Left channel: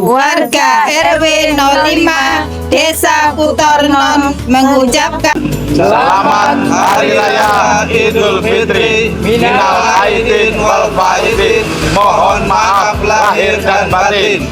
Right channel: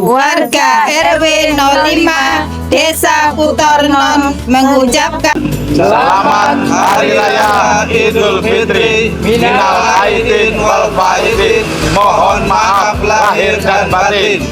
warga RW 05 Desa Putornon mengucapkan Selamat Hari Raya Idul Fitri, minal aidin wal faizin. Mohon maaf lahir dan batin.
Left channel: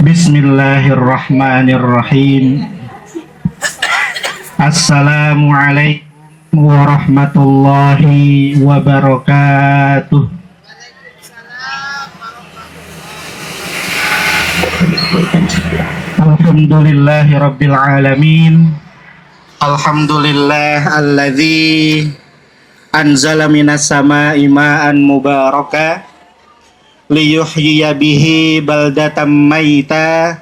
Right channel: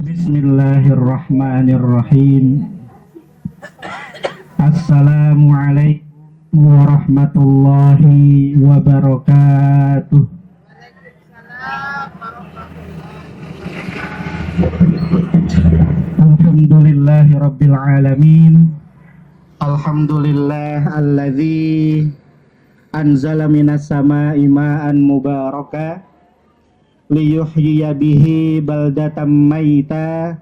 Bismillahirrahmanirrahim. Assalamualaikum warahmatullahi wabarakatuh. Alhamdulillahi rabbil alamin. Alhamdulillah alladzi anzala minas sama'i ma'an mubaraka liyuhyiya bihi baldatan maita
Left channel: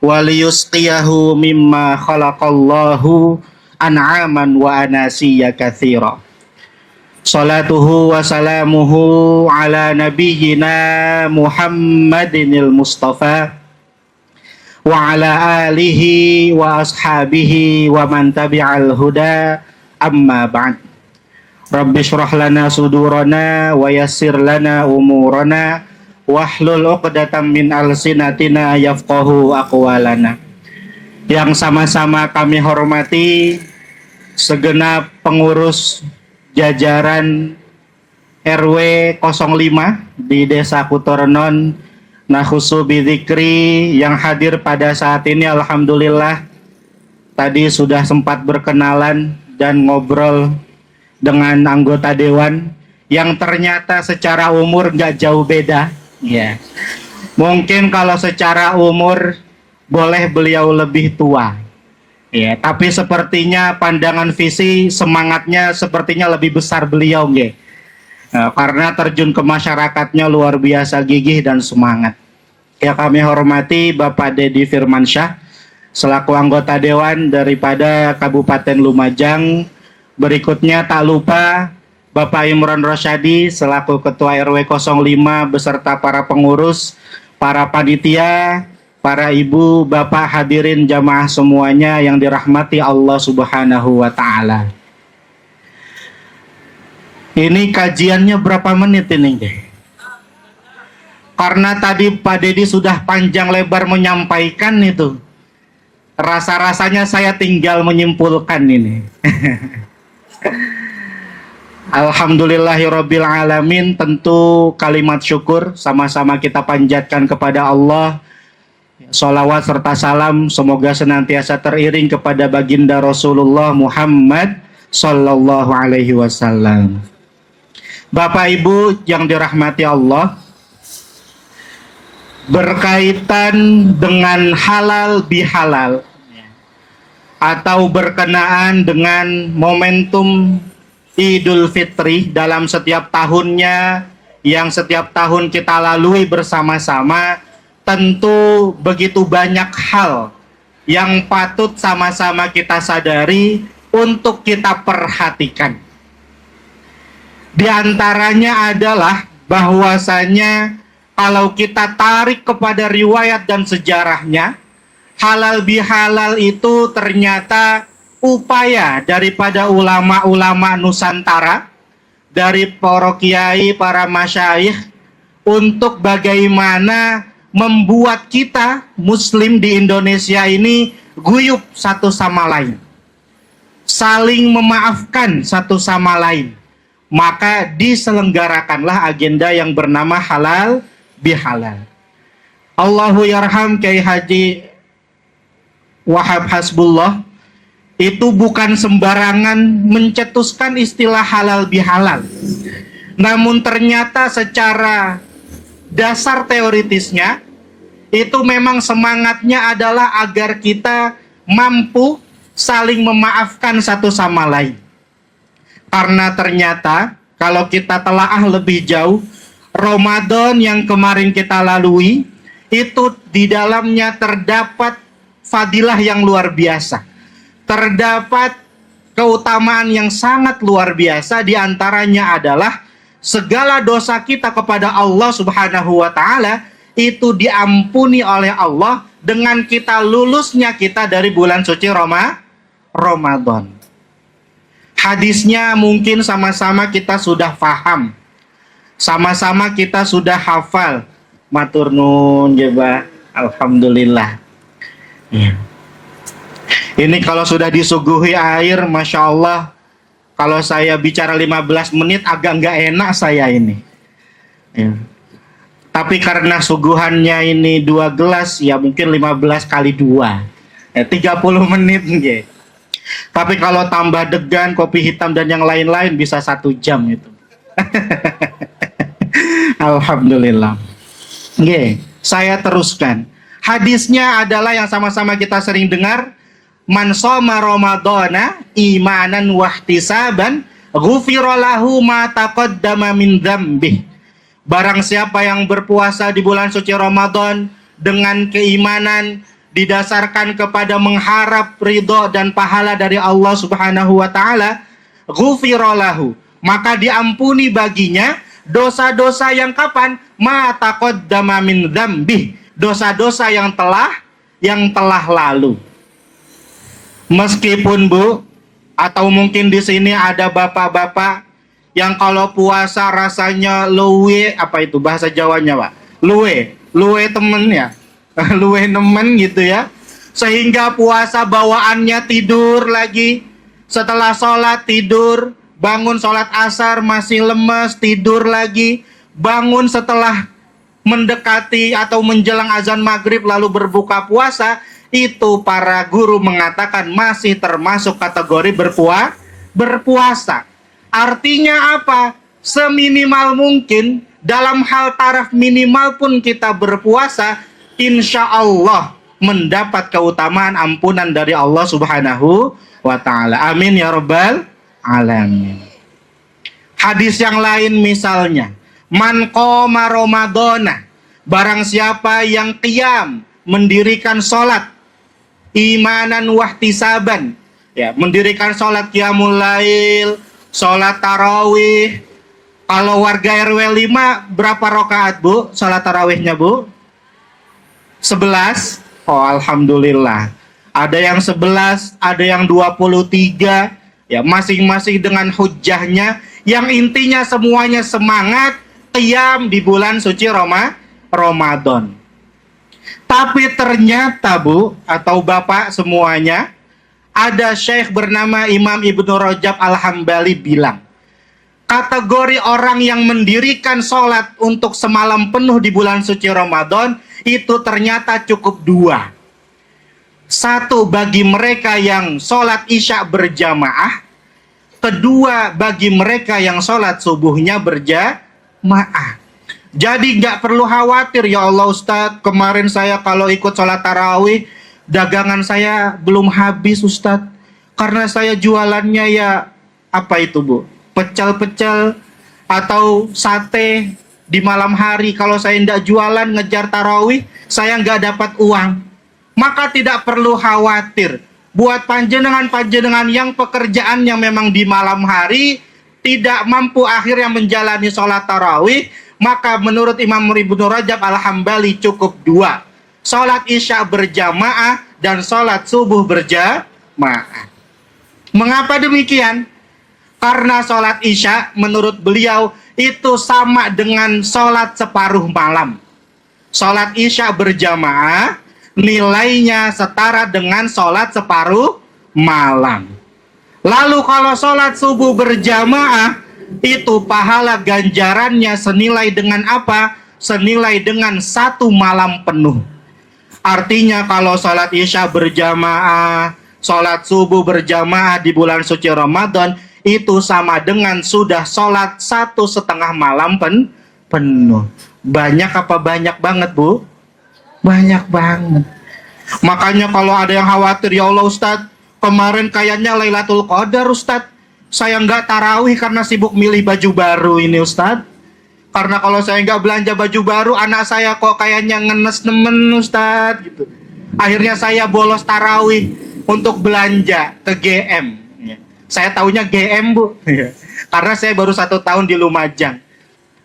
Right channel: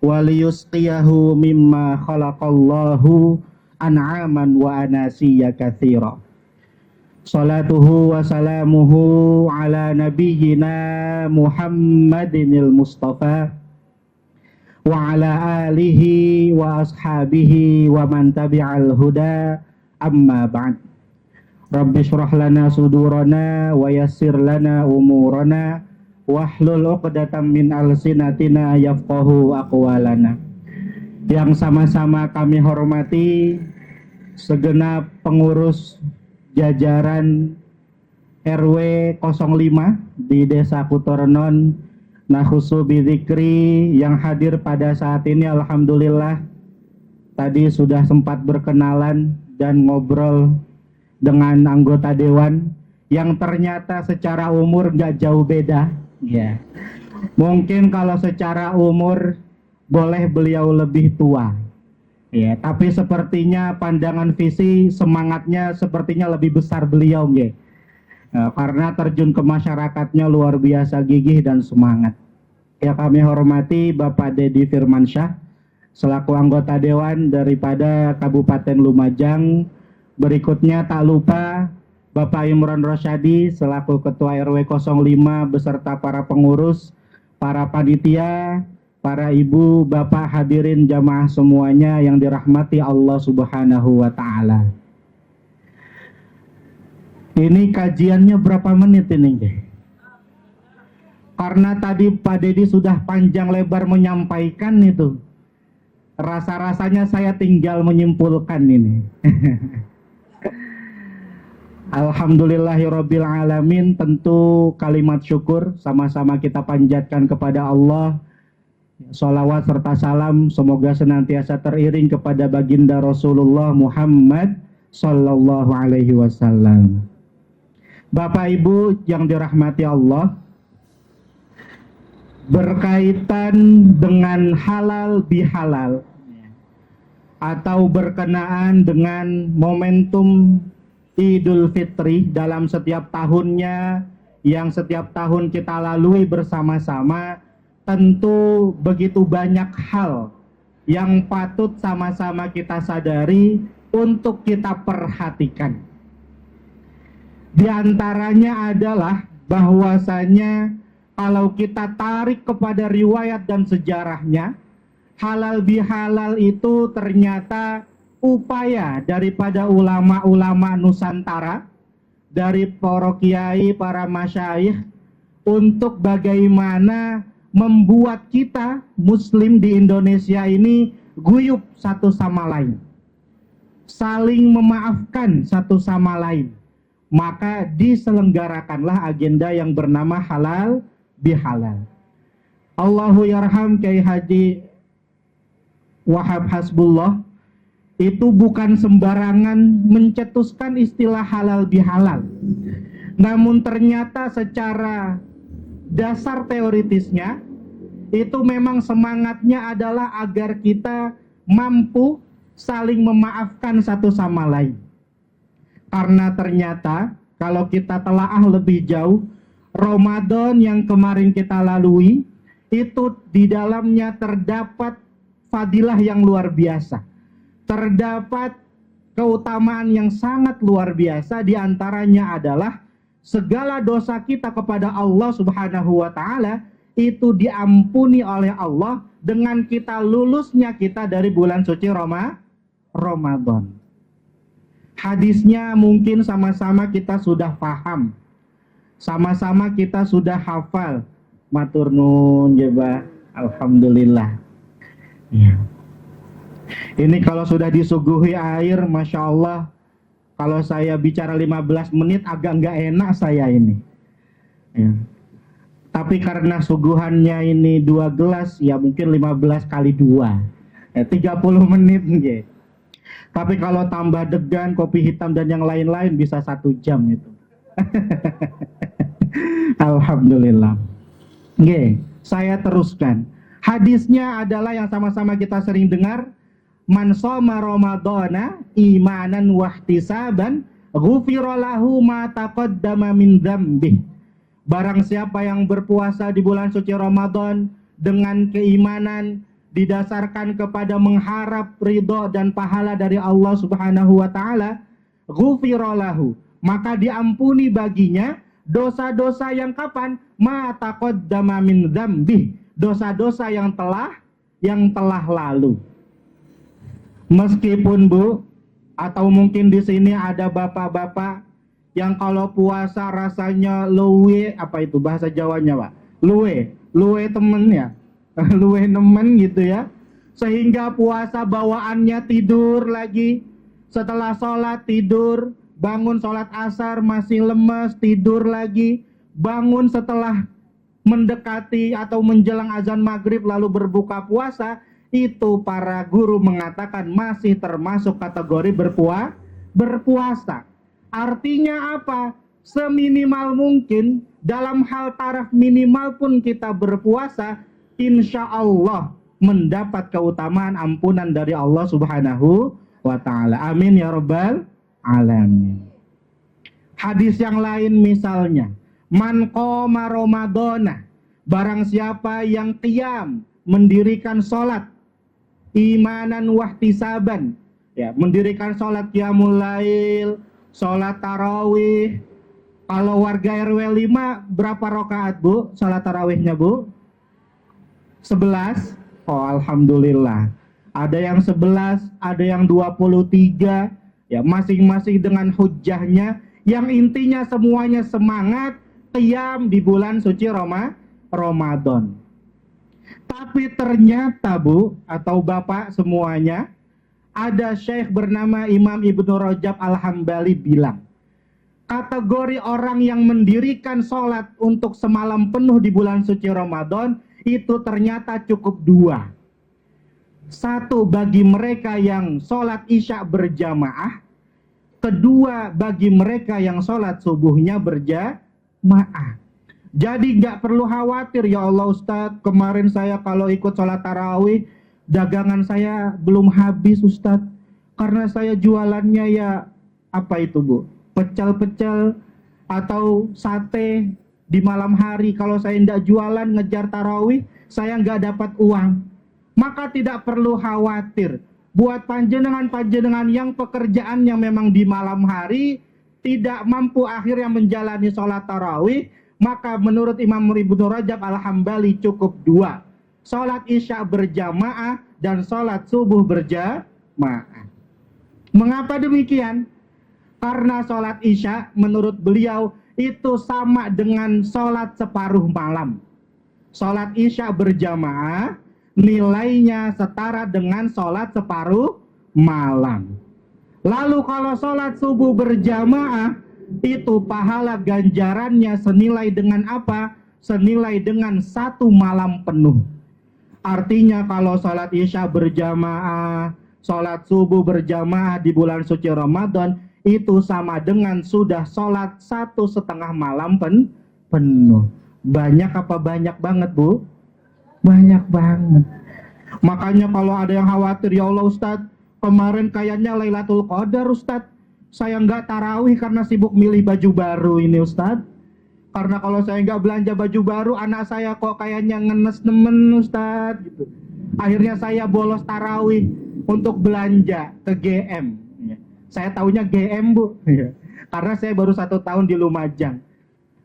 wa liyusqiyahu mimma khalaqallahu an'aman wa anasiya katsira. Salatuhu wa salamuhu ala nabiyyina Muhammadinil Mustafa wa ala alihi wa ashabihi wa man tabi'al huda, amma ba'd. Rabbi shrah lana sudurana wa yassir lana umurana wahlul 'uqdatam min alsinatina yafqahu aqwalana. Yang sama-sama kami hormati segenap pengurus jajaran RW 05 di Desa Putornon, nakhusu bidzikri, yang hadir pada saat ini. Alhamdulillah tadi sudah sempat berkenalan dan ngobrol dengan anggota dewan yang ternyata secara umur nggak jauh beda. Ya, mungkin kalau secara umur boleh beliau lebih tua, ya, tapi sepertinya pandangan visi semangatnya sepertinya lebih besar beliau, ya. Karena terjun ke masyarakatnya luar biasa gigih dan semangat. Ya, kami hormati Bapak Dedi Firmansyah selaku anggota dewan daripada Kabupaten Lumajang. Berikutnya tak lupa Bapak Imron Rosyadi selaku Ketua RW 05 beserta para pengurus, para panitia, para ibu, bapak, hadirin jamaah semuanya yang dirahmati Allah Subhanahu wa Ta'ala. Ini kajiannya berapa menit ini, deh? Karena tadi Pak Dedi sudah panjang lebar menyampaikan itu, rasa-rasanya saya tinggal menyimpulkan ini. Alhamdulillahirabbil alamin. Tentu kalimat syukur sama-sama kita panjatkan kepada Allah. Sholawat serta salam semoga senantiasa teriring kepada baginda Rasulullah Muhammad Sallallahu alaihi wasallam. Bapak Ibu yang dirahmati Allah, berkaitan dengan halal bihalal atau berkenaan dengan momentum Idul Fitri dalam setiap tahunnya yang setiap tahun kita lalui bersama-sama, tentu begitu banyak hal yang patut sama-sama kita sadari untuk kita perhatikan. Di antaranya adalah bahwasanya kalau kita tarik kepada riwayat dan sejarahnya, halal bihalal itu ternyata upaya daripada ulama-ulama Nusantara, dari para kiai, para masyayikh, untuk bagaimana membuat kita Muslim di Indonesia ini guyup satu sama lain, saling memaafkan satu sama lain. Maka diselenggarakanlah agenda yang bernama halal bihalal. Allahu yarham Kiai Haji Wahab Hasbullah itu bukan sembarangan mencetuskan istilah halal bihalal. Namun ternyata secara dasar teoritisnya itu memang semangatnya adalah agar kita mampu saling memaafkan satu sama lain. Karena ternyata kalau kita telaah lebih jauh, Ramadan yang kemarin kita lalui itu di dalamnya terdapat fadilah yang luar biasa. Terdapat keutamaan yang sangat luar biasa, di antaranya adalah segala dosa kita kepada Allah Subhanahu wa taala itu diampuni oleh Allah dengan kita lulusnya kita dari bulan suci Ramadan. Hadisnya mungkin sama-sama kita sudah paham, sama-sama kita sudah hafal. Matur nun jeba, alhamdulillah. Ya. Ini kalau sudah disuguhi air, masya Allah. Kalau saya bicara 15 menit agak nggak enak saya ini. Ya. Tapi karena suguhannya ini 2 gelas, ya mungkin 15 kali 2. Ya, 30 menit. Ya. Tapi kalau tambah degan, kopi hitam dan yang lain-lain bisa 1 jam itu. Alhamdulillah. Oke, saya teruskan. Hadisnya adalah yang sama-sama kita sering dengar. Man shoma Ramadana imanan wahtisaban ghufira lahu ma taqaddama min dzambih. Barang siapa yang berpuasa di bulan suci Ramadan dengan keimanan didasarkan kepada mengharap ridho dan pahala dari Allah Subhanahu wa taala, ghufira lahu, maka diampuni baginya dosa-dosa yang kapan? Ma taqaddama min dzambih, dosa-dosa yang telah lalu. Meskipun Bu, atau mungkin di sini ada bapak-bapak yang kalau puasa rasanya luwe, apa itu bahasa Jawanya Pak? Luwe temen ya. Luwe nemen gitu ya, sehingga puasa bawaannya tidur lagi, setelah sholat tidur, bangun sholat asar masih lemes, tidur lagi, bangun setelah mendekati atau menjelang azan maghrib lalu berbuka puasa. Itu para guru mengatakan masih termasuk kategori berpuasa. Artinya apa? Seminimal mungkin dalam hal taraf minimal pun kita berpuasa, insya Allah mendapat keutamaan ampunan dari Allah Subhanahu wa ta'ala. Amin ya rabbal alamin. Hadis yang lain misalnya, man qoma Ramadana, barang siapa yang qiyam, mendirikan sholat, imanan wahtisaban, ya, mendirikan sholat qiyamul lail, sholat tarawih. Kalau warga RW 5 berapa rakaat Bu sholat tarawihnya Bu? 11. Oh alhamdulillah. Ada yang 11, ada yang 23. Ya, masing-masing dengan hujjahnya. Yang intinya semuanya semangat qiyam di bulan suci Ramadan. Tapi ternyata Bu atau Bapak semuanya, ada syekh bernama Imam Ibnu Rajab Al-Hambali bilang, kategori orang yang mendirikan sholat untuk semalam penuh di bulan suci Ramadan itu ternyata cukup 2. 1 bagi mereka yang sholat isya berjamaah, kedua bagi mereka yang sholat subuhnya berjamaah. Jadi nggak perlu khawatir, ya Allah Ustadz, kemarin saya kalau ikut sholat tarawih dagangan saya belum habis Ustadz, karena saya jualannya ya apa itu Bu, pecel-pecel atau sate di malam hari. Kalau saya tidak jualan ngejar tarawih, saya nggak dapat uang. Maka tidak perlu khawatir. Buat panjenengan-panjenengan yang pekerjaannya memang di malam hari, tidak mampu akhirnya menjalani sholat tarawih, maka menurut Imam Ibnu Rajab Al-Hambali cukup 2. Sholat isya berjamaah dan sholat subuh berjamaah. Mengapa demikian? Karena sholat isya menurut beliau itu sama dengan sholat separuh malam. Sholat isya berjamaah nilainya setara dengan sholat separuh malam. Lalu kalau sholat subuh berjamaah, itu pahala ganjarannya senilai dengan apa? Senilai dengan 1 malam penuh. Artinya kalau sholat isya berjamaah, sholat subuh berjamaah di bulan suci Ramadan, itu sama dengan sudah sholat 1,5 malam penuh. Banyak apa banyak banget Bu? Banyak banget. Makanya kalau ada yang khawatir, ya Allah Ustadz, kemarin kayaknya Lailatul Qadar Ustadz, saya nggak tarawih karena sibuk milih baju baru ini Ustadz. Karena kalau saya nggak belanja baju baru, anak saya kok kayaknya ngenes nemen Ustadz gitu. Akhirnya saya bolos tarawih untuk belanja ke GM. Saya taunya GM Bu, karena saya baru 1 tahun di Lumajang.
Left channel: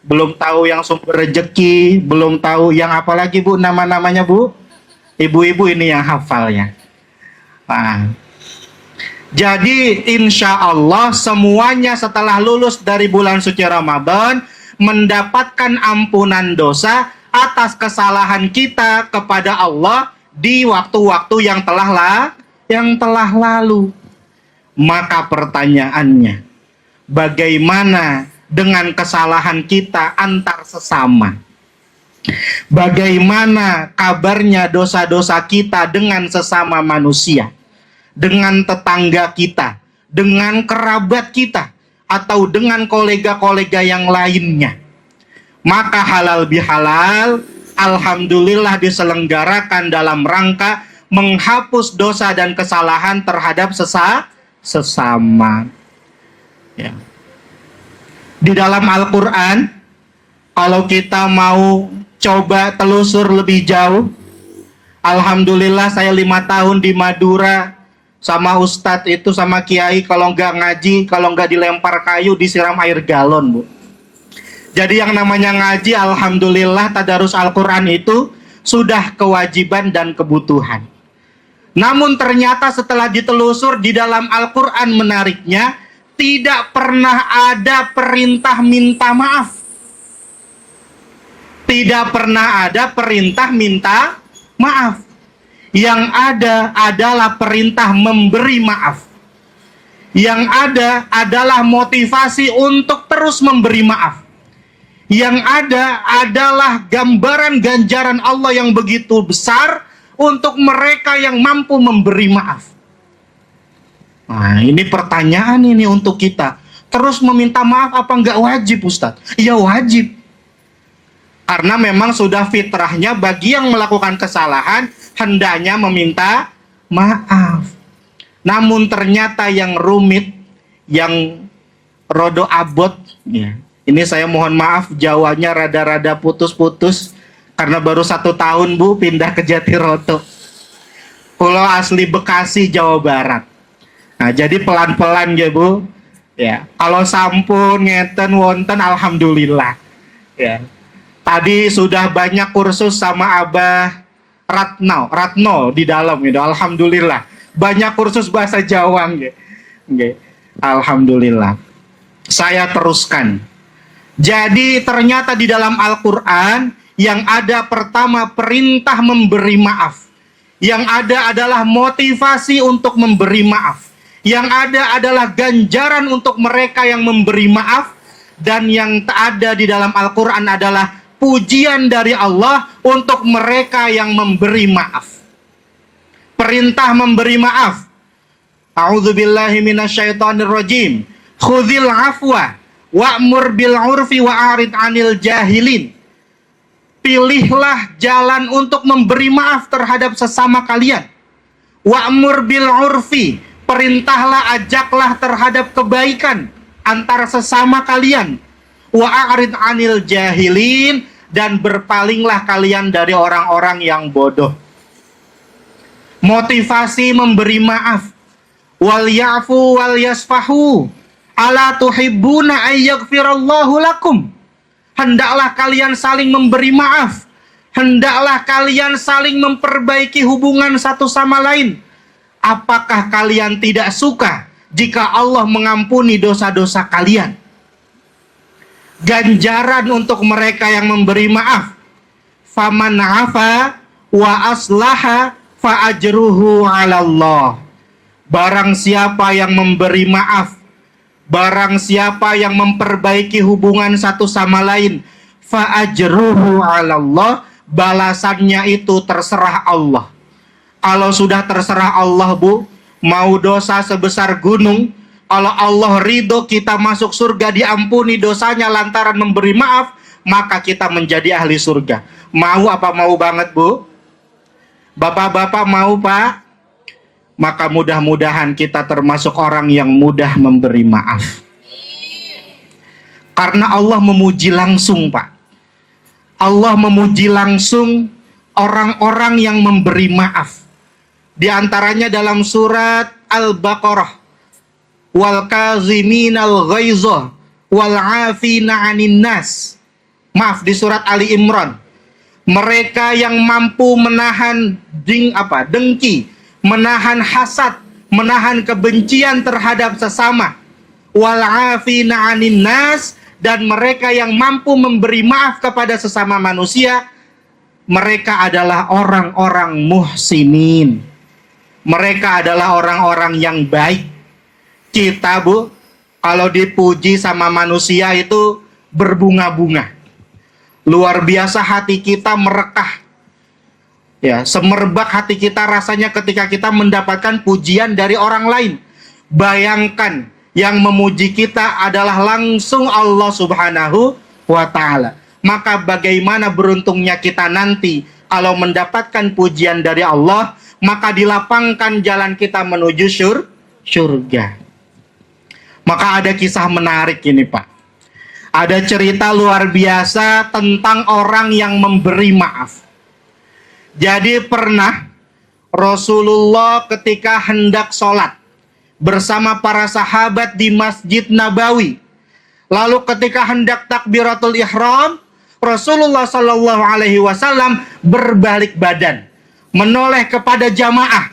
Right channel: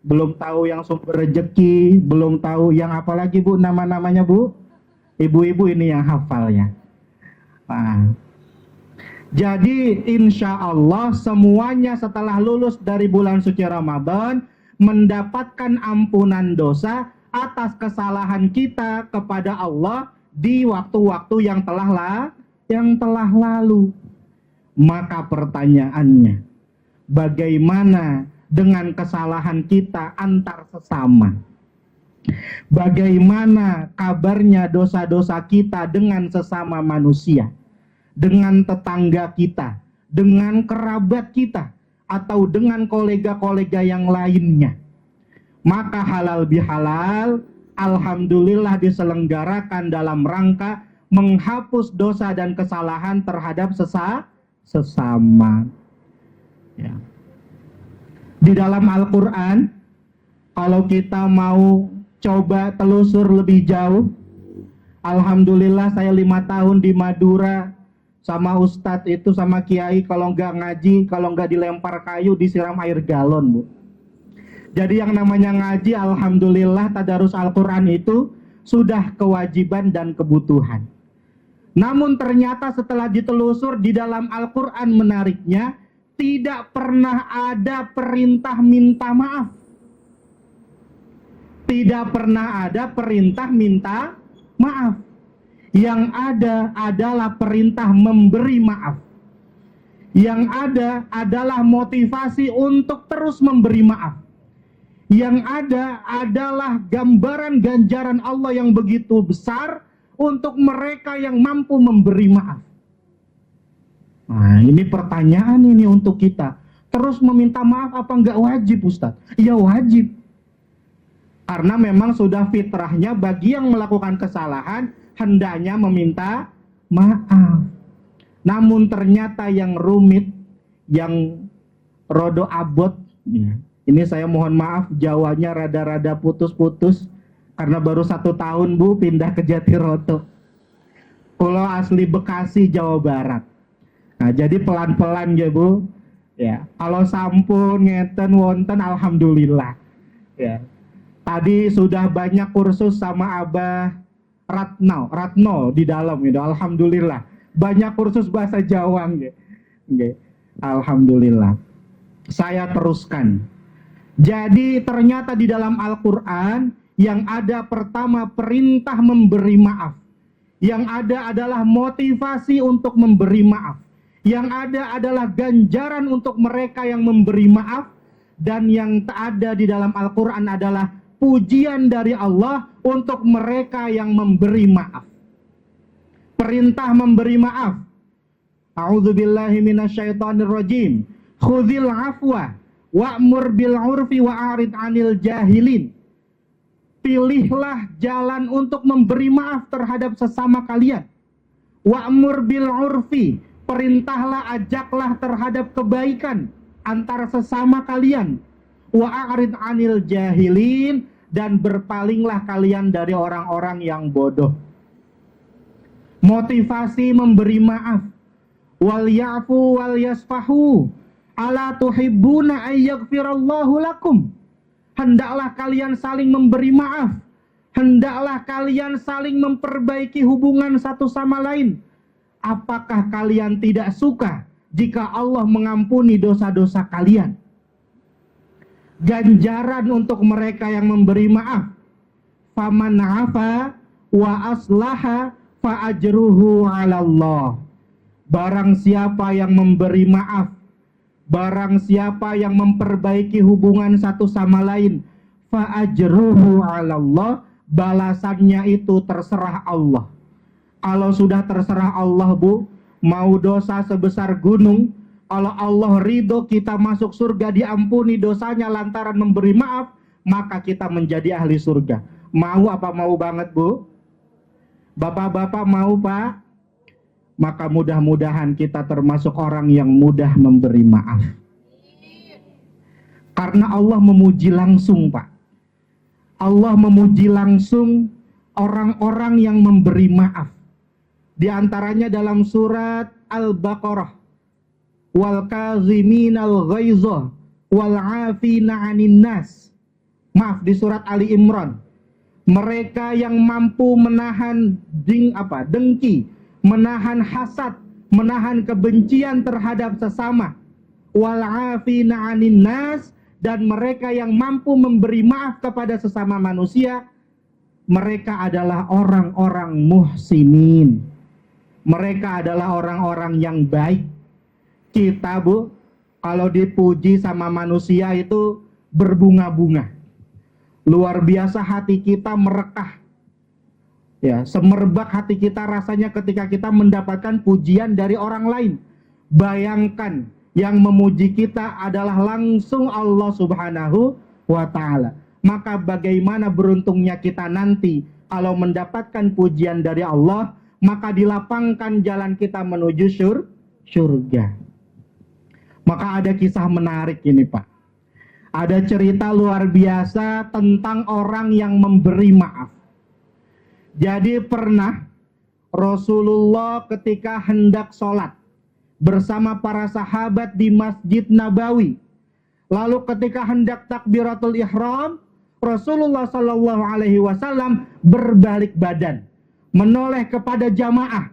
Belum tahu yang sumber rezeki, belum tahu yang apa lagi Bu, nama-namanya Bu. Ibu-ibu ini yang hafalnya. Nah, jadi insya Allah semuanya setelah lulus dari bulan suci Ramadan mendapatkan ampunan dosa atas kesalahan kita kepada Allah di waktu-waktu yang telah lalu. Maka pertanyaannya, bagaimana dengan kesalahan kita antar sesama? Bagaimana kabarnya dosa-dosa kita dengan sesama manusia, dengan tetangga kita, dengan kerabat kita, atau dengan kolega-kolega yang lainnya? Maka halal bihalal, alhamdulillah diselenggarakan dalam rangka menghapus dosa dan kesalahan terhadap sesama. Ya. Di dalam Al-Quran, kalau kita mau coba telusur lebih jauh, alhamdulillah saya 5 tahun di Madura sama Ustadz itu, sama Kiai, kalau nggak ngaji, kalau nggak dilempar kayu, disiram air galon Bu. Jadi yang namanya ngaji, alhamdulillah tadarus Al-Quran itu sudah kewajiban dan kebutuhan. Namun ternyata setelah ditelusur di dalam Al-Quran, menariknya tidak pernah ada perintah minta maaf. Tidak pernah ada perintah minta maaf. Yang ada adalah perintah memberi maaf. Yang ada adalah motivasi untuk terus memberi maaf. Yang ada adalah gambaran ganjaran Allah yang begitu besar untuk mereka yang mampu memberi maaf. Nah, ini pertanyaan ini untuk kita. Terus meminta maaf apa enggak wajib Ustadz? Ya wajib. Karena memang sudah fitrahnya bagi yang melakukan kesalahan hendaknya meminta maaf. Namun ternyata yang rumit, yang rodo abot, ya. Ini saya mohon maaf Jawanya rada-rada putus-putus karena baru 1 tahun Bu pindah ke Jatiroto. Pulau asli Bekasi, Jawa Barat. Nah, jadi pelan-pelan ya Bu. Ya, kalau sampun ngeten wonten alhamdulillah. Ya. Tadi sudah banyak kursus sama Abah Ratno di dalam gitu. Alhamdulillah. Banyak kursus bahasa Jawa gitu. Alhamdulillah. Saya teruskan. Jadi ternyata di dalam Al-Qur'an yang ada pertama perintah memberi maaf. Yang ada adalah motivasi untuk memberi maaf. Yang ada adalah ganjaran untuk mereka yang memberi maaf. Dan yang ada di dalam Al-Qur'an adalah pujian dari Allah untuk mereka yang memberi maaf. Perintah memberi maaf. A'udzubillahi minasyaitonirrajim. Khudhil afwa wa'mur bil urfi wa'arid 'anil jahilin. Pilihlah jalan untuk memberi maaf terhadap sesama kalian. Wa'mur bil urfi, perintahlah, ajaklah terhadap kebaikan antara sesama kalian. Wa'arid 'anil jahilin, dan berpalinglah kalian dari orang-orang yang bodoh. Motivasi memberi maaf. Wal ya'fu wal yasfahu. Ala tuhibbuna ayyaghfirallahu lakum. Hendaklah kalian saling memberi maaf. Hendaklah kalian saling memperbaiki hubungan satu sama lain. Apakah kalian tidak suka jika Allah mengampuni dosa-dosa kalian? Ganjaran untuk mereka yang memberi maaf. Faman afa wa aslaha fa ajruhu 'ala Allah. Barang siapa yang memberi maaf, barang siapa yang memperbaiki hubungan satu sama lain, fa ajruhu 'ala Allah, balasannya itu terserah Allah. Kalau sudah terserah Allah, Bu, mau dosa sebesar gunung, kalau Allah ridho kita masuk surga, diampuni dosanya lantaran memberi maaf, maka kita menjadi ahli surga. Mau apa mau banget, Bu? Bapak-bapak mau, Pak? Maka mudah-mudahan kita termasuk orang yang mudah memberi maaf. Karena Allah memuji langsung, Pak. Allah memuji langsung orang-orang yang memberi maaf. Di antaranya dalam surat Al-Baqarah. Wal kaziminal ghaizah wal 'afina 'anin nas. Maaf, di surat Ali Imran. Mereka yang mampu menahan dengki, menahan hasad, menahan kebencian terhadap sesama. Wal 'afina 'anin nas, dan mereka yang mampu memberi maaf kepada sesama manusia. Mereka adalah orang-orang muhsinin. Mereka adalah orang-orang yang baik. Kita, Bu, kalau dipuji sama manusia itu berbunga-bunga. Luar biasa hati kita merekah. Ya, semerbak hati kita rasanya ketika kita mendapatkan pujian dari orang lain. Bayangkan yang memuji kita adalah langsung Allah Subhanahu wa Ta'ala. Maka bagaimana beruntungnya kita nanti kalau mendapatkan pujian dari Allah, maka dilapangkan jalan kita menuju surga. Maka ada kisah menarik ini, Pak. Ada cerita luar biasa tentang orang yang memberi maaf. Jadi pernah Rasulullah ketika hendak sholat bersama para sahabat di Masjid Nabawi. Lalu ketika hendak takbiratul ihram, Rasulullah Shallallahu Alaihi Wasallam berbalik badan, menoleh kepada jamaah.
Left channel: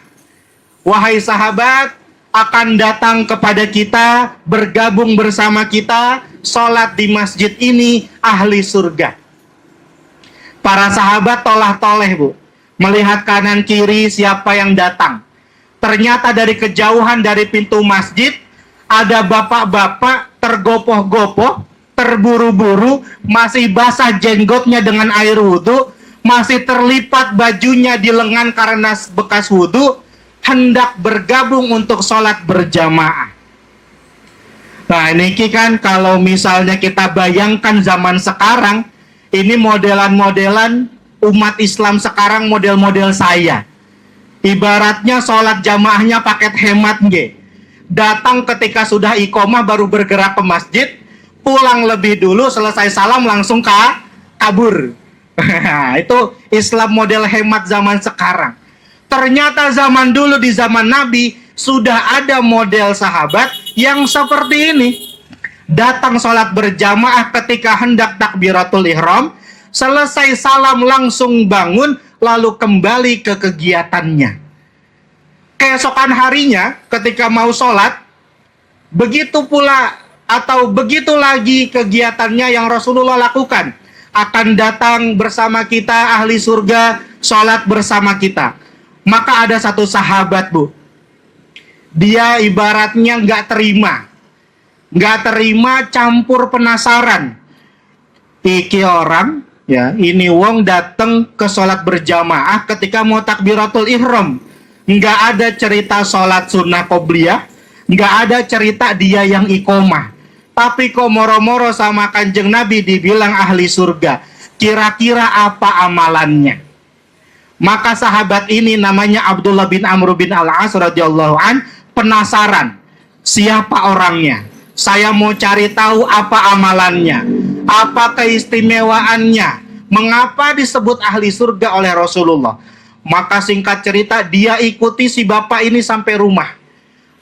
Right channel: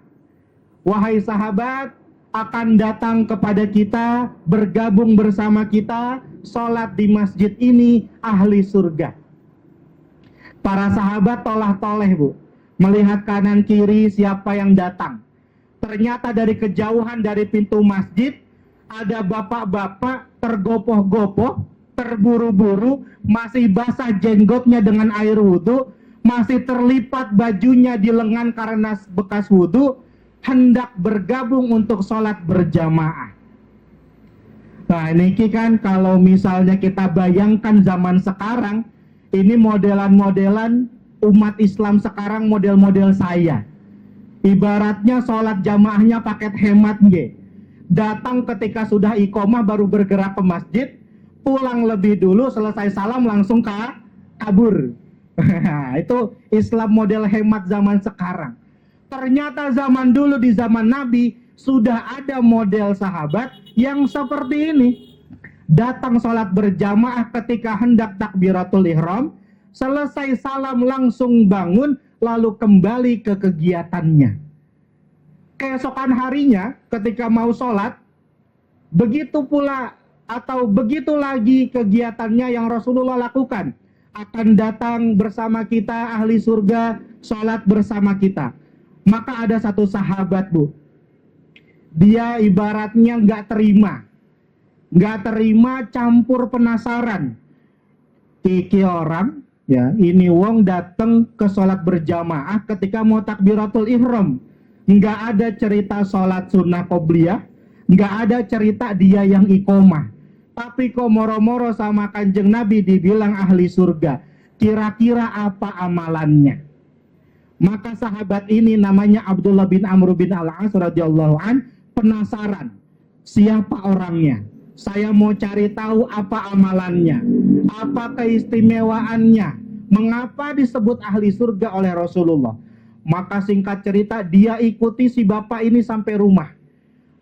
Wahai sahabat, akan datang kepada kita, bergabung bersama kita, sholat di masjid ini ahli surga. Para sahabat tolah-toleh, Bu, melihat kanan kiri siapa yang datang. Ternyata dari kejauhan dari pintu masjid ada bapak-bapak tergopoh-gopoh, terburu-buru, masih basah jenggotnya dengan air wudhu, masih terlipat bajunya di lengan karena bekas wudhu, hendak bergabung untuk sholat berjamaah. Nah, ini kan kalau misalnya kita bayangkan zaman sekarang, ini modelan-modelan umat Islam sekarang, model-model saya. Ibaratnya sholat jamaahnya paket hemat nge. Datang ketika sudah iqomah baru bergerak ke masjid, pulang lebih dulu, selesai salam langsung kabur. Itu Islam model hemat zaman sekarang. Ternyata zaman dulu di zaman Nabi sudah ada model sahabat yang seperti ini. Datang sholat berjamaah ketika hendak takbiratul ihram, selesai salam langsung bangun, lalu kembali ke kegiatannya. Keesokan harinya ketika mau sholat, begitu pula atau begitu lagi kegiatannya yang Rasulullah lakukan. Akan datang bersama kita ahli surga, sholat bersama kita. Maka ada satu sahabat, Bu, dia ibaratnya nggak terima campur penasaran. Iki orang, ya, ini wong datang ke sholat berjamaah ketika mau takbiratul ihram, nggak ada cerita sholat sunnah qobliyah, Nggak ada cerita dia yang iqomah. Tapi kok moro-moro sama Kanjeng Nabi dibilang ahli surga. Kira-kira apa amalannya? Maka sahabat ini namanya Abdullah bin Amr bin Al-As radhiyallahu an penasaran. Siapa orangnya? Saya mau cari tahu apa amalannya. Apa keistimewaannya? Mengapa disebut ahli surga oleh Rasulullah? Maka singkat cerita dia ikuti si bapak ini sampai rumah.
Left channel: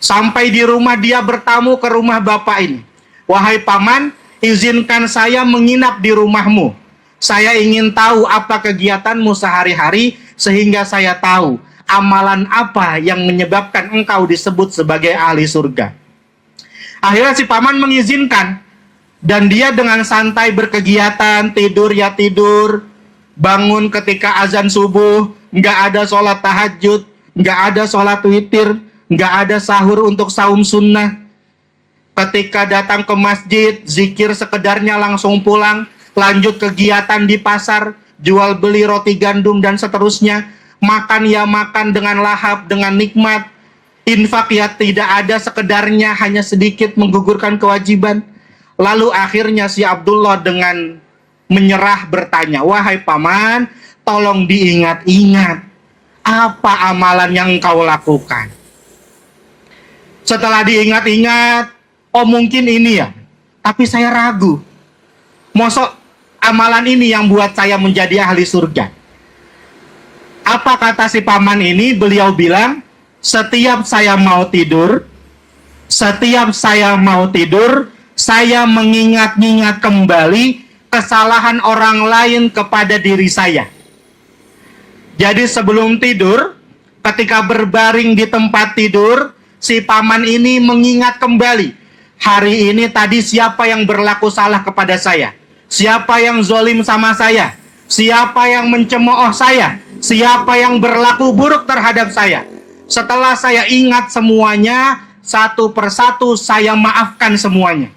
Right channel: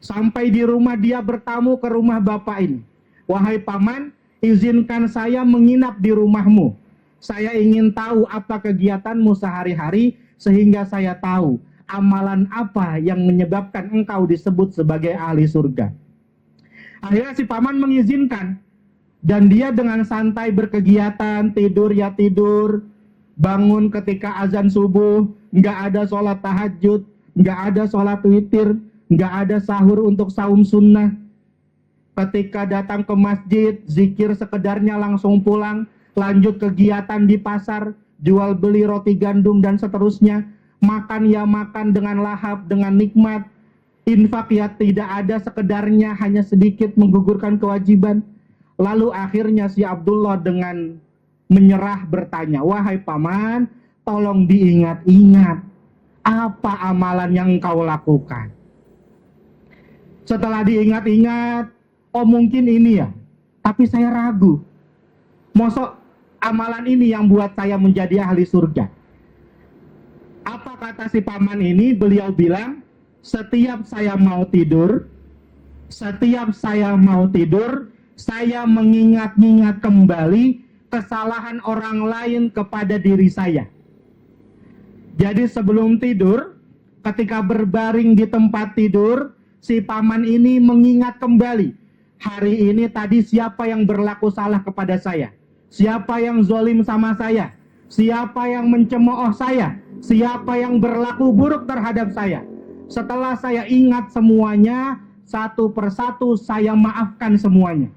Sampai di rumah dia bertamu ke rumah bapak ini. Wahai paman, izinkan saya menginap di rumahmu. Saya ingin tahu apa kegiatanmu sehari-hari sehingga saya tahu amalan apa yang menyebabkan engkau disebut sebagai ahli surga. Akhirnya si paman mengizinkan dan dia dengan santai berkegiatan, tidur ya tidur, bangun ketika azan subuh, nggak ada sholat tahajud, nggak ada sholat witir, nggak ada sahur untuk saum sunnah. Ketika datang ke masjid, zikir sekedarnya langsung pulang, lanjut kegiatan di pasar, jual beli roti gandum dan seterusnya, makan ya makan dengan lahap, dengan nikmat, infak ya tidak ada sekedarnya, hanya sedikit menggugurkan kewajiban. Lalu akhirnya si Abdullah dengan menyerah bertanya, wahai paman, tolong diingat-ingat, apa amalan yang engkau lakukan? Setelah diingat-ingat, oh mungkin ini ya, tapi saya ragu. Mosok amalan ini yang buat saya menjadi ahli surga. Apa kata si paman ini? Beliau bilang, setiap saya mau tidur, saya mengingat-ingat kembali kesalahan orang lain kepada diri saya. Jadi sebelum tidur, ketika berbaring di tempat tidur, si paman ini mengingat kembali, hari ini tadi siapa yang berlaku salah kepada saya? Siapa yang zolim sama saya? Siapa yang mencemooh saya? Siapa yang berlaku buruk terhadap saya? Setelah saya ingat semuanya, satu persatu saya maafkan semuanya.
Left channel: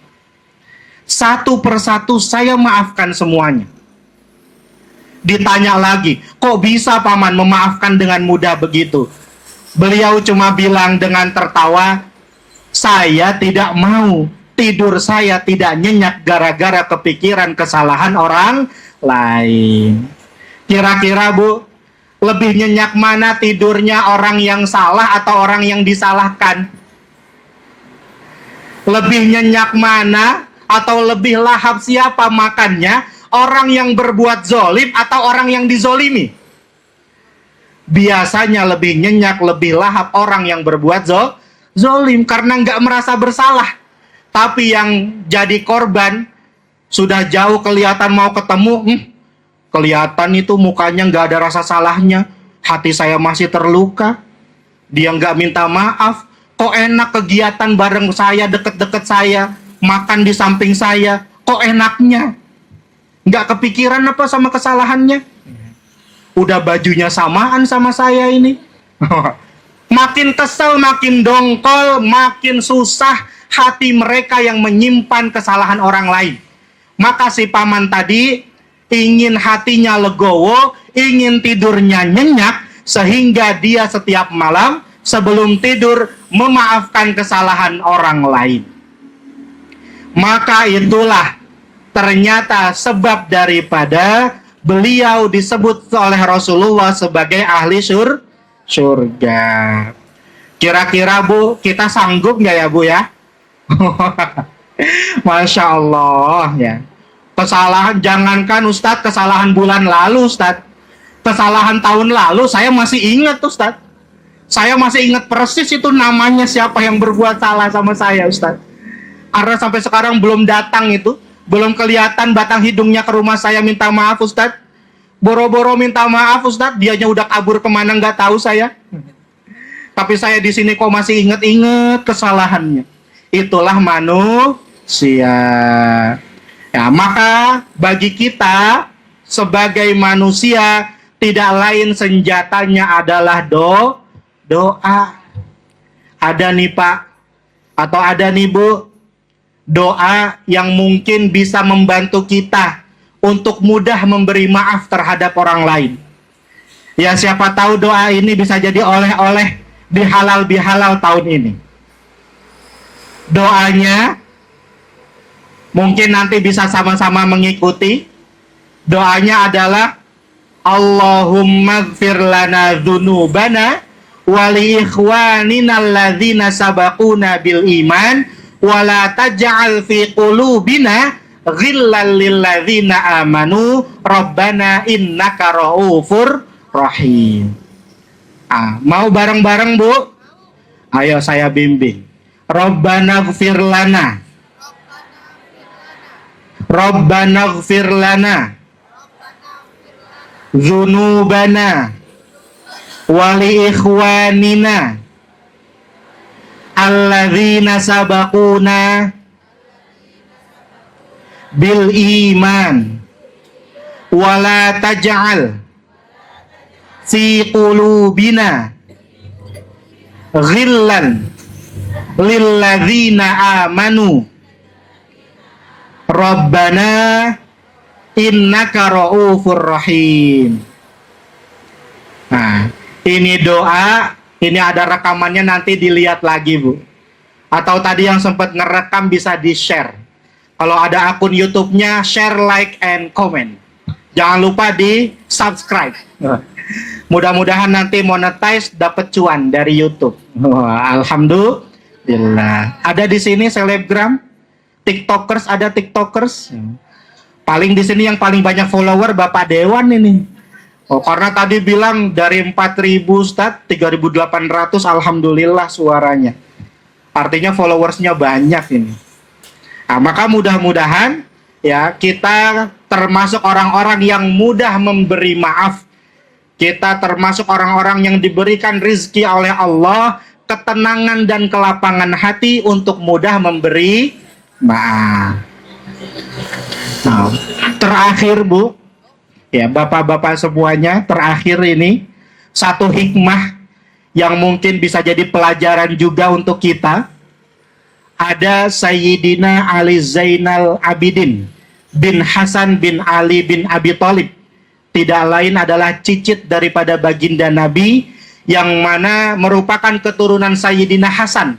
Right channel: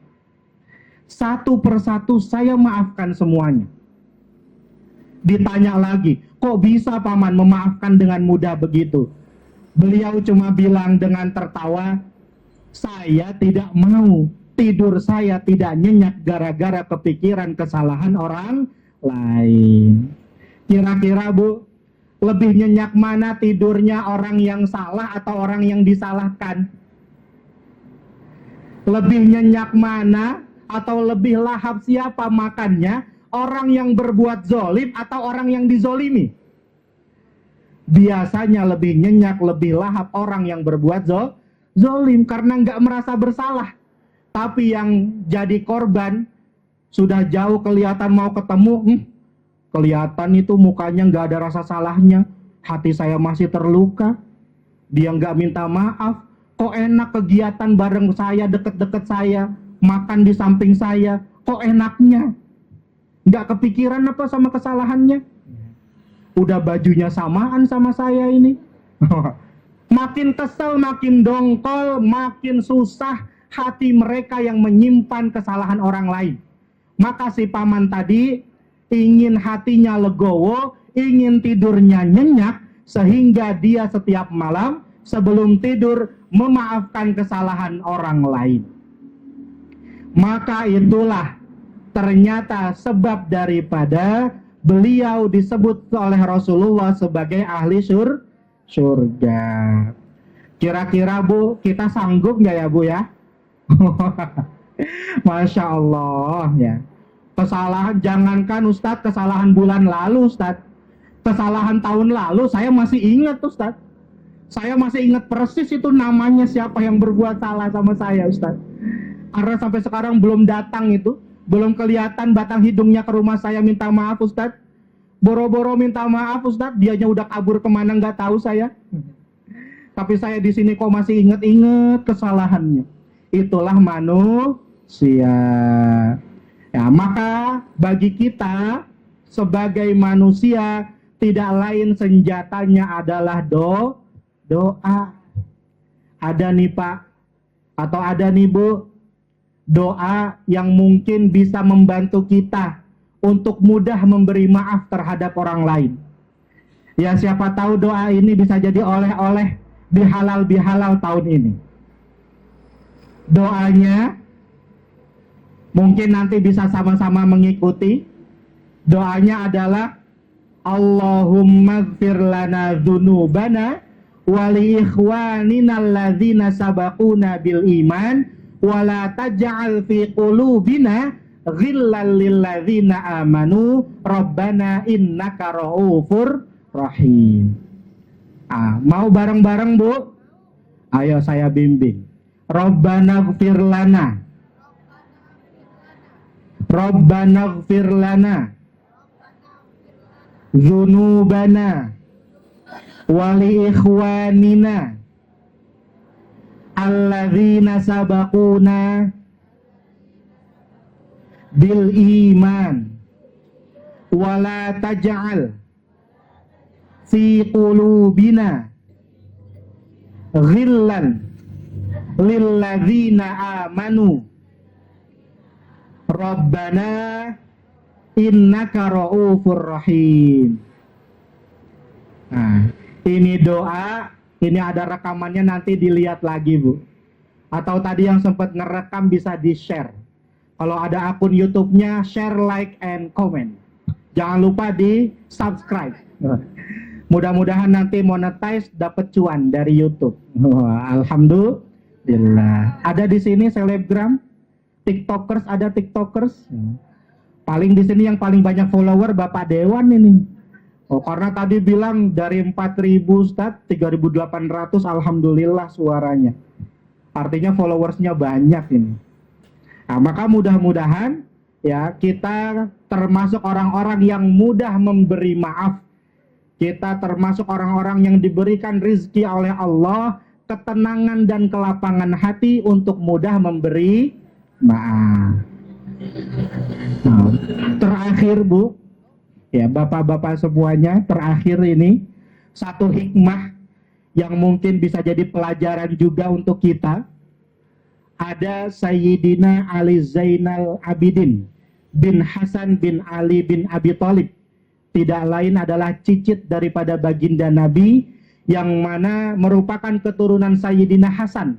Satu persatu saya maafkan semuanya. Ditanya lagi, kok bisa paman memaafkan dengan mudah begitu? Beliau cuma bilang dengan tertawa, saya tidak mau tidur saya tidak nyenyak gara-gara kepikiran kesalahan orang lain. Kira-kira Bu, lebih nyenyak mana tidurnya orang yang salah atau orang yang disalahkan? Lebih nyenyak mana atau lebih lahap siapa makannya? Orang yang berbuat zolim atau orang yang dizolimi? Biasanya lebih nyenyak, lebih lahap orang yang berbuat zolim karena nggak merasa bersalah. Tapi yang jadi korban sudah jauh kelihatan mau ketemu, kelihatan itu mukanya nggak ada rasa salahnya. Hati saya masih terluka. Dia nggak minta maaf. Kok enak kegiatan bareng saya, deket-deket saya, makan di samping saya. Kok enaknya? Nggak kepikiran apa sama kesalahannya? Udah bajunya samaan sama saya ini. Makin kesel, makin dongkol, makin susah hati mereka yang menyimpan kesalahan orang lain. Maka si paman tadi ingin hatinya legowo, ingin tidurnya nyenyak, sehingga dia setiap malam sebelum tidur memaafkan kesalahan orang lain. Maka itulah ternyata sebab daripada beliau disebut oleh Rasulullah sebagai ahli surga. Kira-kira Bu, kita sanggup nggak ya Bu ya? Masya Allah ya. Kesalahan, jangankan Ustadz kesalahan bulan lalu Ustadz, kesalahan tahun lalu saya masih ingat Ustadz. Saya masih ingat persis itu namanya siapa yang berbuat salah sama saya Ustadz. Karena sampai sekarang belum datang itu, belum kelihatan batang hidungnya ke rumah saya minta maaf Ustadz. Boro-boro minta maaf Ustadz, dianya udah kabur kemana nggak tahu saya. Tapi saya di sini kok masih inget-inget kesalahannya. Itulah manusia. Ya, maka bagi kita sebagai manusia tidak lain senjatanya adalah doa. Ada nih Pak, atau ada nih Bu, doa yang mungkin bisa membantu kita untuk mudah memberi maaf terhadap orang lain. Ya siapa tahu doa ini bisa jadi oleh-oleh di halal bihalal tahun ini. Doanya mungkin nanti bisa sama-sama mengikuti. Doanya adalah Allahumma gfir lana dzunubana wa li ikhwanina alladzina sabaquna bil iman wa la taj'al fi qulubina ghillan lil ladzina amanu rabbana innaka raufur rahim. Mau bareng-bareng, Bu? Ayo saya bimbing. Rabbana gfir lana, Rabbana gfir lana dzunubana wa li ikhwanina alladzina sabaquna bil iman wa la taj'al fi qulubina ghillan lil ladzina amanu rabbana innaka raufur rahim. Nah, ini doa, ini ada rekamannya, nanti dilihat lagi, Bu. Atau tadi yang sempat ngerekam bisa di-share. Kalau ada akun YouTube-nya, share, like, and comment. Jangan lupa di-subscribe. Mudah-mudahan nanti monetize, dapat cuan dari YouTube. Alhamdulillah. Ada di sini selebgram, TikTokers, ada TikTokers. Paling di sini yang paling banyak follower Bapak Dewan ini. Karena tadi bilang dari 4.000 Ustaz, 3.800, alhamdulillah suaranya. Artinya followersnya banyak ini. Nah, maka mudah-mudahan ya kita termasuk orang-orang yang mudah memberi maaf. Kita termasuk orang-orang yang diberikan rizki oleh Allah, ketenangan dan kelapangan hati untuk mudah memberi maaf. Nah, terakhir, Bu, ya bapak-bapak semuanya, terakhir ini satu hikmah yang mungkin bisa jadi pelajaran juga untuk kita. Ada Sayyidina Ali Zainal Abidin bin Hasan bin Ali bin Abi Thalib. Tidak lain adalah cicit daripada baginda Nabi, yang mana merupakan keturunan Sayyidina Hasan,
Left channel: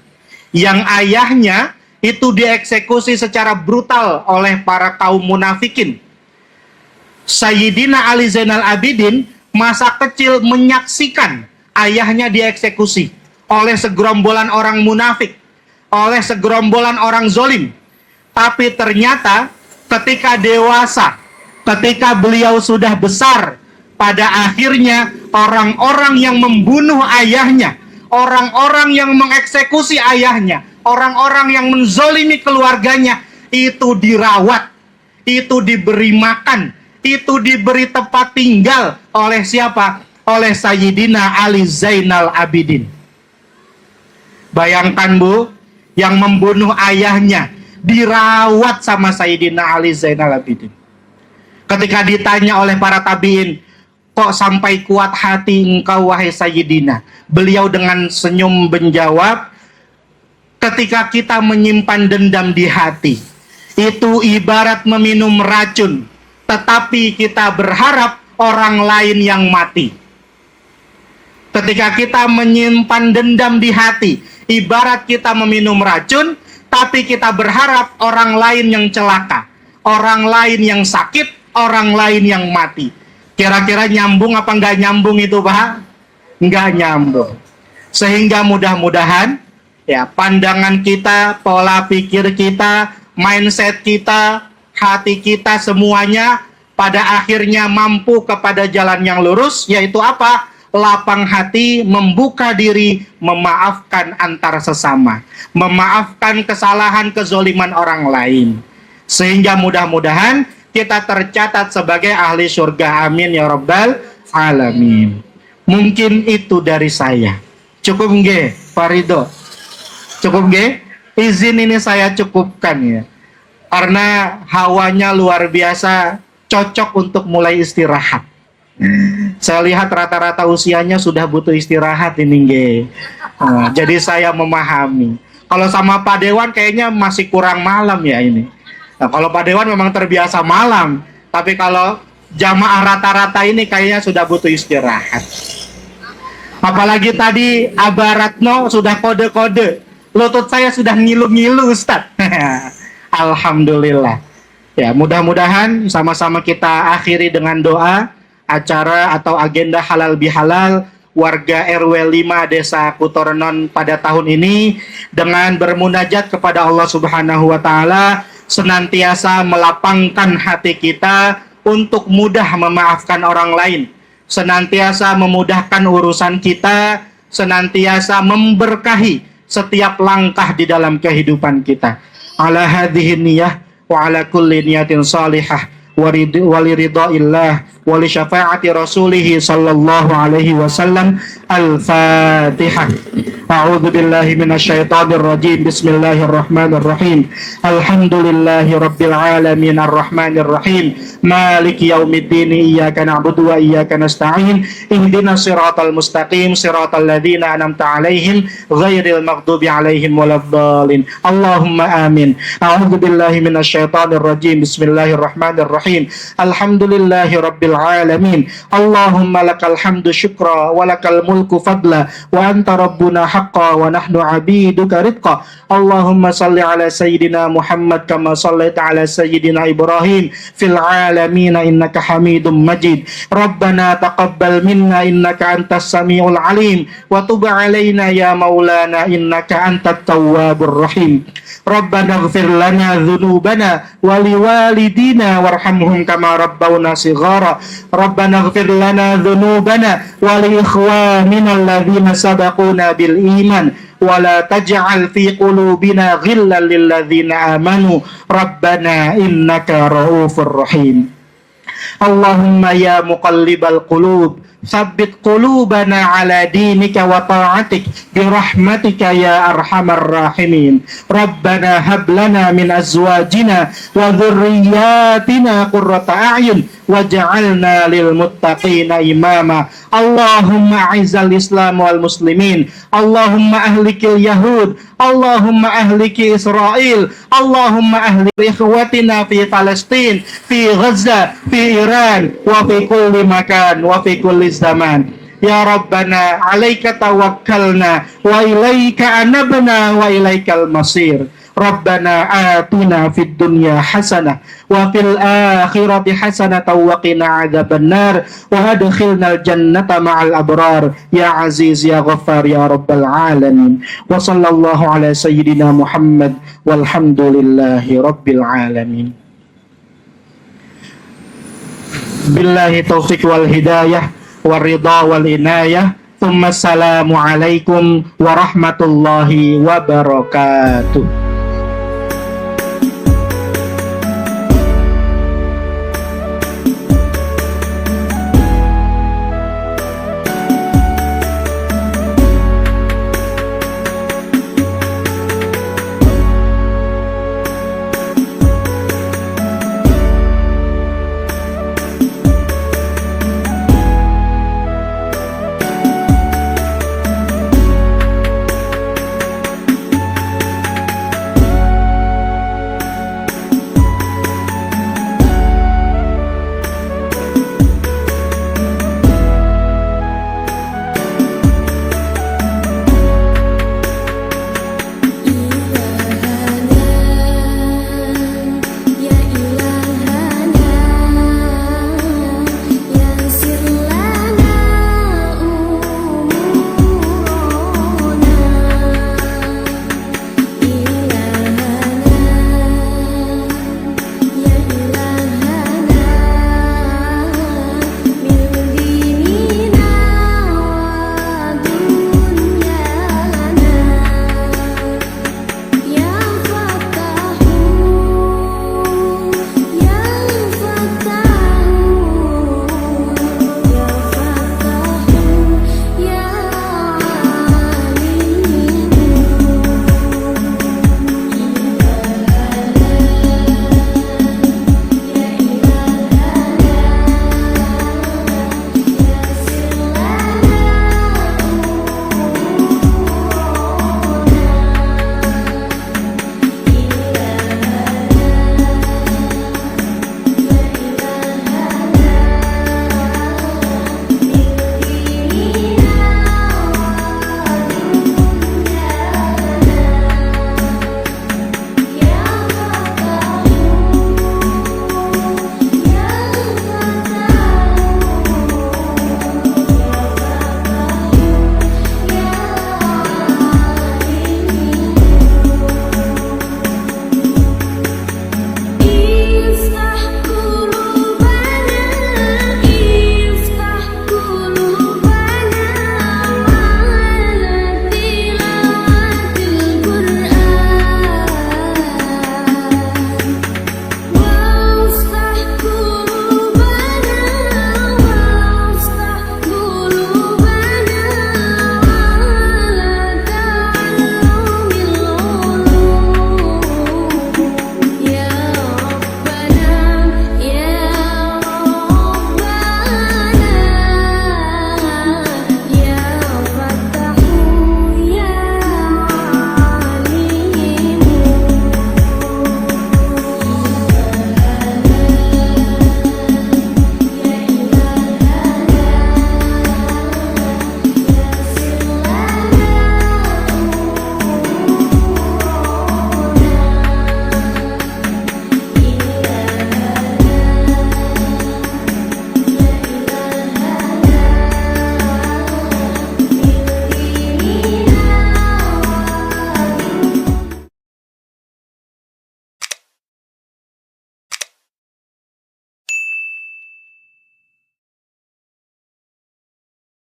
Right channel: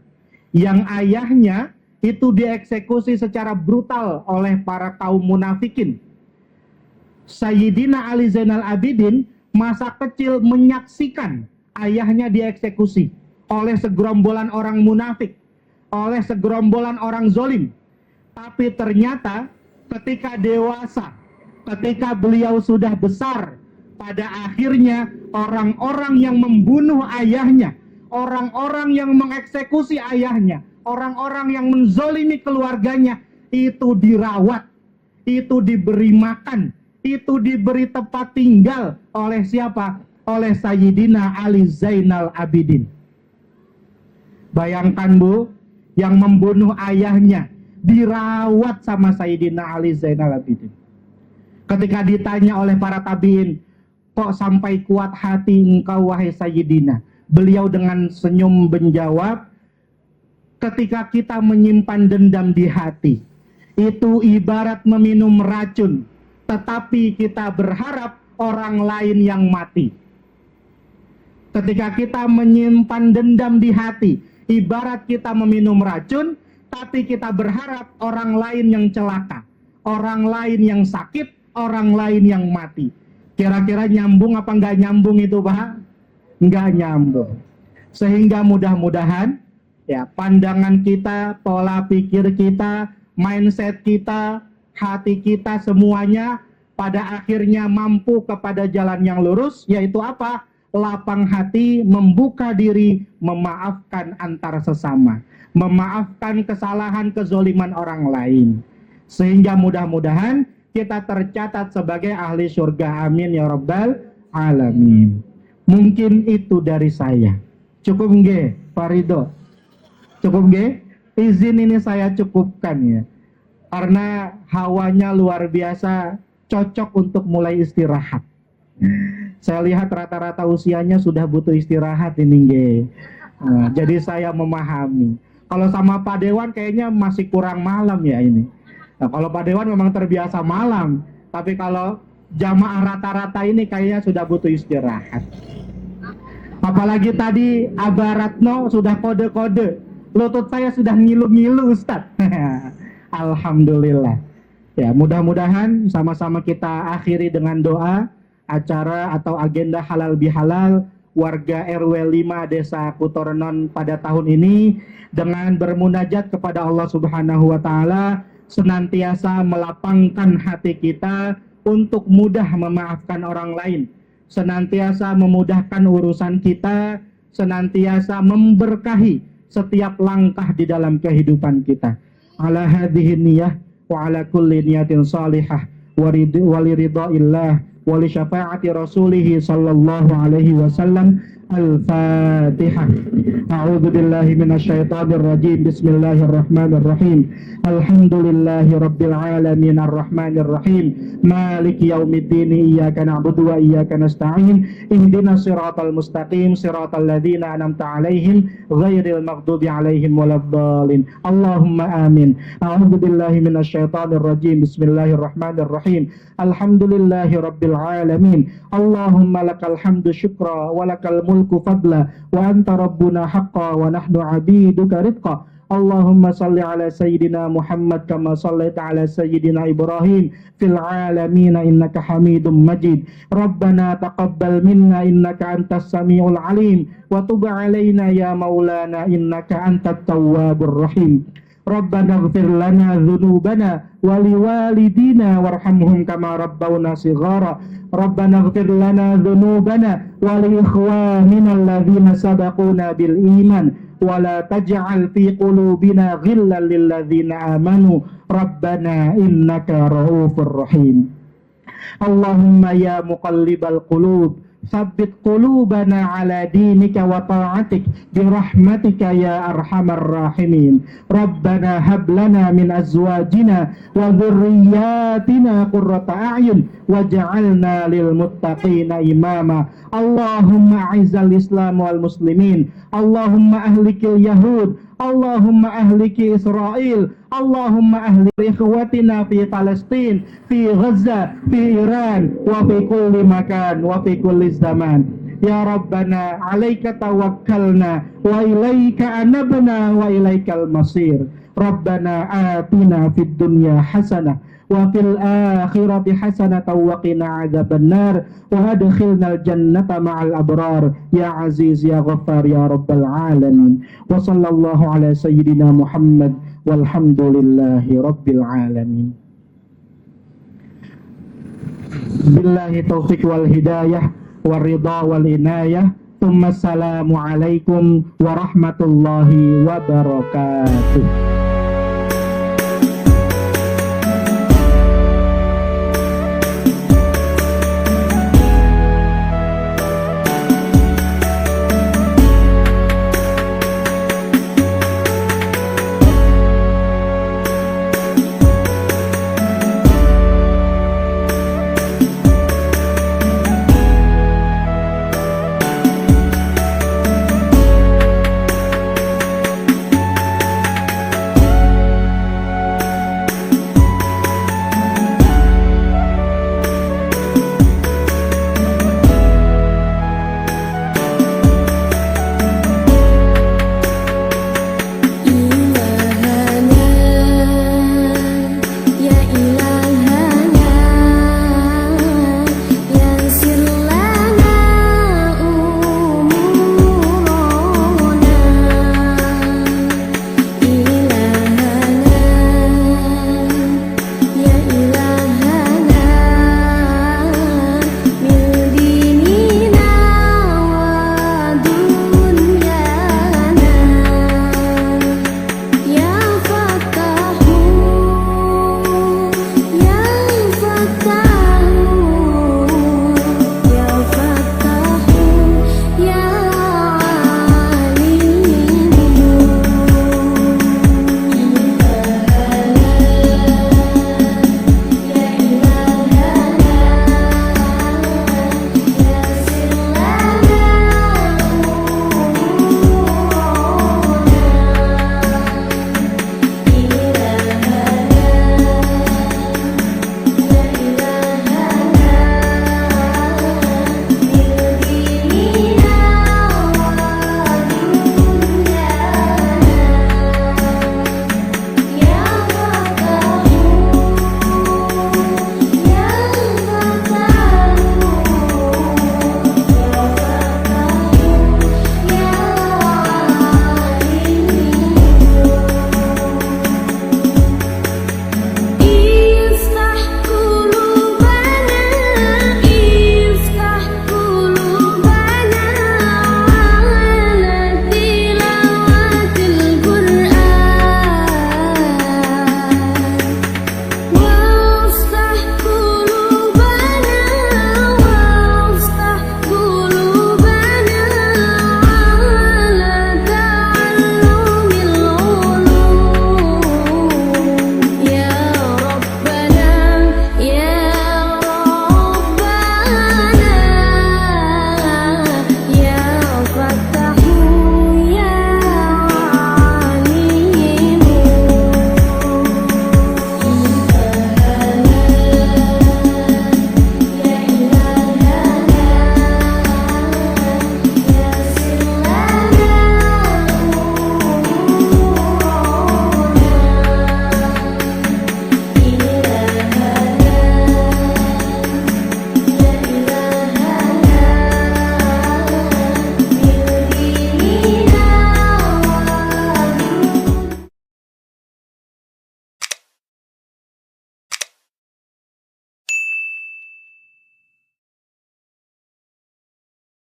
yang ayahnya itu dieksekusi secara brutal oleh para kaum munafikin. Sayyidina Ali Zainal Abidin masa kecil menyaksikan ayahnya dieksekusi oleh segerombolan orang munafik, oleh segerombolan orang zolim. Tapi ternyata ketika dewasa, ketika beliau sudah besar, pada akhirnya orang-orang yang membunuh ayahnya, orang-orang yang mengeksekusi ayahnya, orang-orang yang menzolimi keluarganya, itu dirawat, itu diberi makan, itu diberi tempat tinggal oleh siapa? Oleh Sayyidina Ali Zainal Abidin. Bayangkan, Bu, yang membunuh ayahnya dirawat sama Sayyidina Ali Zainal Abidin. Ketika ditanya oleh para tabi'in, kok sampai kuat hati engkau wahai Sayyidina? Beliau dengan senyum menjawab, ketika kita menyimpan dendam di hati, itu ibarat meminum racun, tetapi kita berharap orang lain yang mati. Ketika kita menyimpan dendam di hati, ibarat kita meminum racun, tapi kita berharap orang lain yang celaka, orang lain yang sakit, orang lain yang mati. Kira-kira nyambung apa nggak nyambung itu, Pak? Nggak nyambung. Sehingga mudah-mudahan ya pandangan kita, pola pikir kita, mindset kita, hati kita semuanya pada akhirnya mampu kepada jalan yang lurus, yaitu apa? Lapang hati, membuka diri, memaafkan antar sesama, memaafkan kesalahan, kezoliman orang lain. Sehingga mudah-mudahan kita tercatat sebagai ahli surga. Amin ya rabbal alamin. Mungkin itu dari saya. Cukup nggih, Pak Ridho? Cukup nggih? Izin ini saya cukupkan ya. Karena hawanya luar biasa, cocok untuk mulai istirahat. Saya lihat rata-rata usianya sudah butuh istirahat ini nggih. Jadi saya memahami. Kalau sama Pak Dewan kayaknya masih kurang malam ya ini. Nah, kalau Pak Dewan memang terbiasa malam, tapi kalau jamaah rata-rata ini kayaknya sudah butuh istirahat. Apalagi tadi Abah Ratno sudah kode-kode Lutut saya sudah ngilu-ngilu Ustaz. Alhamdulillah. Ya, mudah-mudahan sama-sama kita akhiri dengan doa acara atau agenda halal bihalal warga RW 5 Desa Kutornon pada tahun ini dengan bermunajat kepada Allah Subhanahu wa taala, senantiasa melapangkan hati kita untuk mudah memaafkan orang lain, senantiasa memudahkan urusan kita, senantiasa memberkahi setiap langkah di dalam kehidupan kita. Ala hadhihi niyah wa ala kulli niyatin salihah waliridhaillah wali syafaati rasulih sallallahu alaihi wasallam. Al-Fatihah. A'udzu billahi minasyaitonir rajim. Bismillahirrahmanirrahim. Alhamdulillahi rabbil alamin arrahmanir rahim maliki yaumiddin iyyaka na'budu wa iyyaka nasta'in ihdinas siratal mustaqim siratal ladzina an'amta 'alaihim ghairil maghdubi 'alaihim waladdallin. Allahumma amin. A'udzu billahi minasyaitonir rajim. Bismillahirrahmanirrahim. Alhamdulillahi rabbil alamin. Allahumma lakal hamdu syukra wa lakal mulku fadla wa anta rabbuna haqqa wa nahnu 'abiduka ridqa. Allahumma salli ala sayyidina Muhammad kama sallaita ala sayyidina Ibrahim fil alamin innaka Hamidum Majid. Rabbana taqabbal minna innaka antas samiul alim wa tub alaina ya maulana innaka antat tawwabur rahim. Rabbana ighfir lana dhunubana wa liwalidina warhamhum kama rabbawna shighara. Rabbana ighfir lana dhunubana wa li ikhwanina alladhina sabaquna bil iman wa la taj'al fi qulubina ghillan lil ladzina amanu rabbana innaka raufur rahim. Allahumma ya muqallibal qulub tsabbit qulubana ala dinika wa ta'atik birahmatika ya arhamar rahimin. Rabbana hab lana min azwajina wa dhurriyyatina qurrata a'yun waj'alna lil muttaqina imama. Allahumma a'izzal islam wal muslimin. Allahumma ahlikil yahud. Allahumma ahliki Israel. Allahumma ahlik ikhwatina fi Palestin, fi Gaza, fi Iran, wa fi kulli makan, wa fi kulli zaman. Ya Rabbana alaika tawakkalna wa ilaika anabna wa ilaikal masir. Rabbana atina fid dunya hasanah wa fil akhirati hasanah wa qina adzabannar wa adkhilnal jannata ma'al abrar ya aziz ya ghaffar ya rabbal alamin. Wa sallallahu ala sayyidina Muhammad walhamdulillahi rabbil alamin. Billahi taufiq wal hidayah wal ridha wal inayah. Assalamu alaikum warahmatullahi wabarakatuh.